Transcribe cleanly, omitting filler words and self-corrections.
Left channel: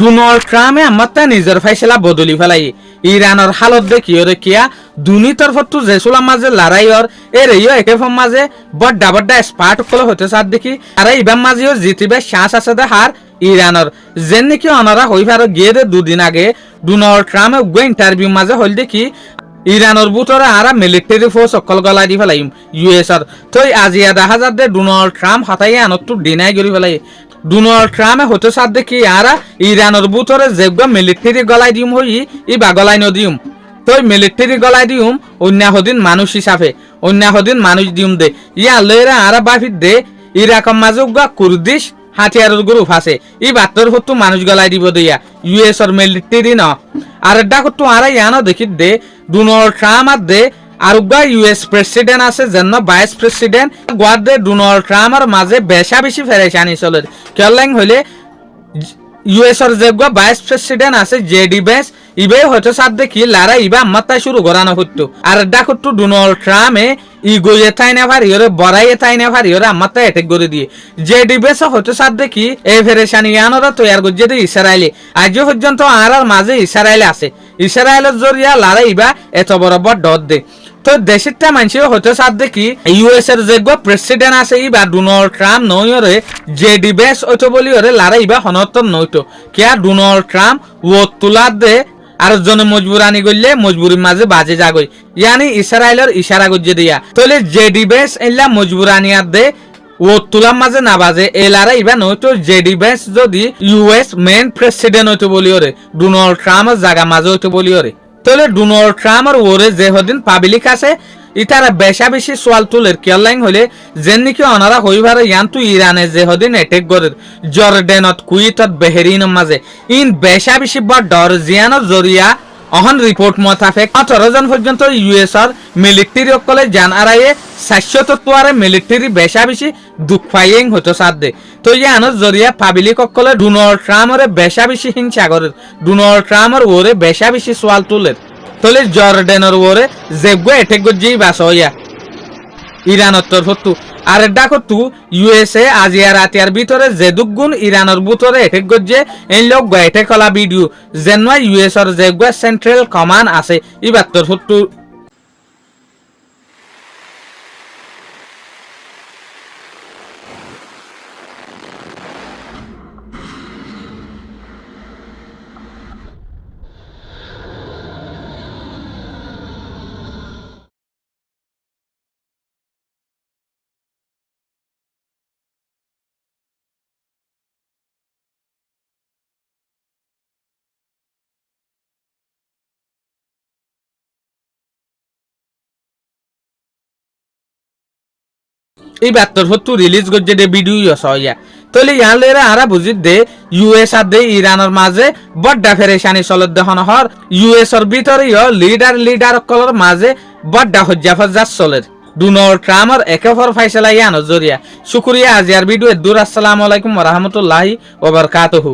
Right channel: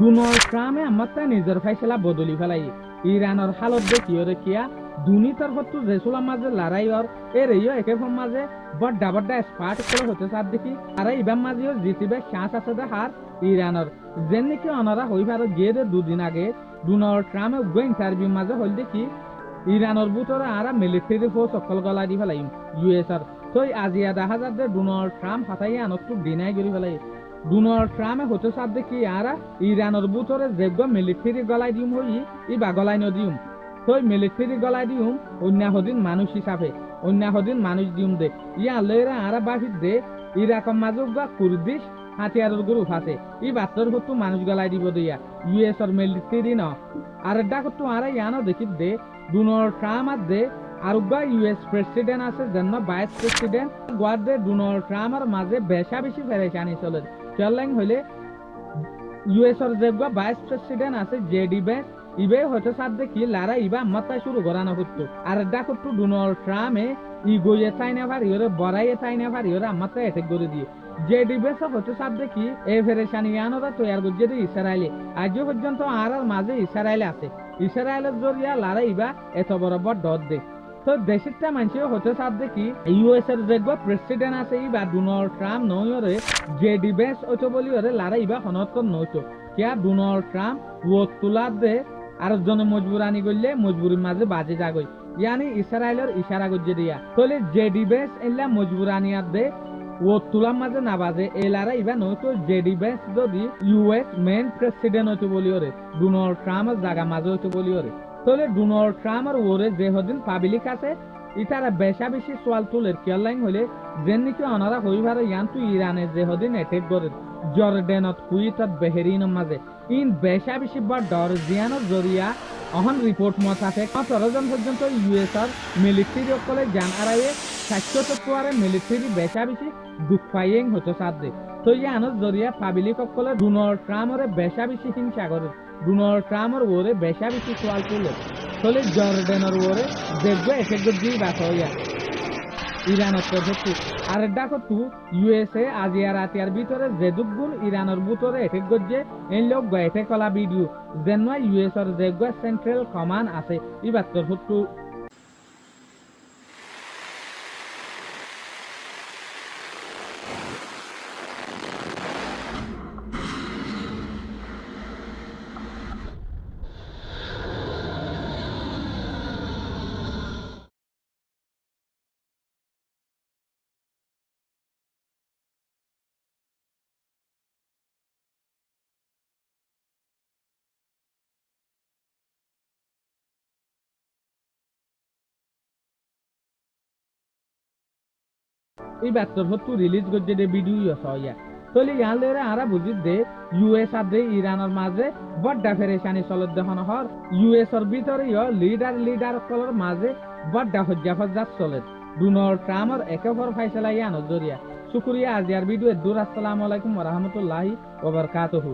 Donald ট্রাম্পে আমারটা নিজের ফাইসলা বদলি ফেলাই ইরানের হালত দেখিও দেখিয়া দুনি তরফতো জেসুলার মাঝে লড়াইয়র এরেইও একে ফম মাঝে বড্ডা বড্ডা স্পার্ট কলে হতে সার দেখি আর ইবাম মাঝেও জিতিবে শ্বাস আছে দে হার ইরানের যেন নাকি অনারা হই পারো গিয়ে দে দুদিন আগে ডোনাল্ড ট্রাম্পে গো ইন্টারভিউ মাঝে হল দেখি ইরানের বুতরে আরা মিলিটারি ফোর্স অকল গলাই দি ফেলাইম ইউএসর তই আজিয়া দেখা যার দে ডোনাল্ড ট্রাম্প হাতাই আনত ডিনাই করি ফেলাই ডোনাল্ড ট্রাম্পে হতে সার দেখি আরা ইরানের বুতরে যেগুলো মিলিটারি গলাই দিম হই ইবা গলাই নদিম তই মিলিটারি গলাই দিম অন্যাহদিন মানুষ হিসাবে অন্যাহদিন মানুষ দিম দে ইয়া লইরা আরা বাফিত দে ইরাকম মাজুগা কুর্দিশ হাতিয়ারের গ্রুপ আছে ই বাত্তর হতো মানুষ গলাই দিব দিয়া ইউএসর মিলিটারি ন আর ডাকতো আরা ইয়ানো দেখি দে ডোনাল্ড ট্রাম্প আর দে আর ইউএস প্রেসিডেন্ট আছে যেন ভাইস প্রেসিডেন্ট গোয়ার দে ডোনাল্ড ট্রাম্পের মাঝে বেশা বেশি ফেরেশানি চলে কেলাং হইলে ইউএসর যে ভাইস প্রেসিডেন্ট আছে জেডি বেস ইবে হয়তো সাথ দেখি লারা ইবা মাত্রা শুরু করানো হতো আর ডাকতো ডোনাল্ড ট্রাম্পে ইগোয়ে তাই না পারি ওরে বড়াইয়ে তাই না পারি ওরা মাত্রা অ্যাটাক করে দিয়ে জেডি বেস হয়তো সাথ দেখি এই ফেরেশানি আনোরা তৈয়ার করছে দে ইসরায়েলে আজও পর্যন্ত আর মাঝে ইসরায়েলে আছে ইসরায়েলের জরিয়া লারা ইবা এত বড় বড় ডট দে তো দেশেরটা মানুষ হতে সাথ দেখি ইউএস এর যে প্রেসিডেন্ট আছে ইবা ডোনাল্ড ট্রাম্প নই ওরে জেডি বেস ওইতো বলি ওরে লারা ইবা হনতন নইতো কিয়া ডোনাল্ড ট্রাম্প ও তুলা দে আর জনে মজবুরানি করলে মজবুরির মাঝে বাজে যাগই ইয়ানি ইসরায়েলের ইশারা গজ্জে দিয়া তাহলে জেডি বেস এলা মজবুরানি আর দে ও তুলার মাঝে না বাজে এলারা ইবা নইতো জেডি বেস যদি ইউএস মেন প্রেসিডেন্ট হইতো বলি ওরে ডোনাল্ড ট্রাম্পের জায়গা মাঝে হইতো বলি ওরে তাহলে ডোনাল্ড ট্রাম্পের ওরে যে হদিন পাবলিক আছে ইতারা বেশা বেশি সোয়াল তুলের কেলাইন হইলে যেন নাকি অনারা হইবারে ইয়ান্তু ইরানে যে হদিন অ্যাটেক করে জর্ডেনত কুইতত বেহেরিনের মাঝে ইন বেশা বেশি বড় ডরজিয়ানের জরিয়া অহন রিপোর্ট মোতাবেক 18 জন পর্যন্ত ইউএসর মিলিটারি অকলে জান আরায়ে 700 মিলিটারি বেশা বেশি দুঃখ পাইয়েং হতো সাথ দে তো ইয়ানোর জরিয়া পাবলিক অকলে ডোনাল্ড ট্রাম্পের বেশা বেশি হিংসা করে ডোনাল্ড ট্রাম্পের ওরে বেশা বেশি সোয়াল তুলের তাহলে জর্ডেনের ওরে যেগো অ্যাটেক করছি বাস হইয়া ইরানের তরফতু আর ডাকতু ইউএসএ আজিয়া রাতিয়ার ভিতরে যে দুগুণ ইরানের ভিতরে অ্যাটেক করছে এই লোক অ্যাটেক কলা ভিডিও যেন ইউএসএর যেগো সেন্ট্রাল কমান্ড আছে ইবার তরফতু এই বাত্তর হতো রিলিজ করছে দে ভিডিও সয়া তাহলে ইয়ান লেরা আরা বুঝিত দে ইউএস আর দে ইরানের মাঝে বড্ডা ফেরেশানি চলত দেখন হর ইউএস এর ভিতরে লিডার কলর মাঝে বড্ডা হজ্জা ফজ্জা চলে ডোনাল্ড ট্রাম্পের একেফর ফাইসলা ইয়ান জরিয়া শুকরিয়া আজিয়ার ভিডিও দূর আসসালামু আলাইকুম ওয়া রাহমাতুল্লাহি ওয়া বারাকাতুহু।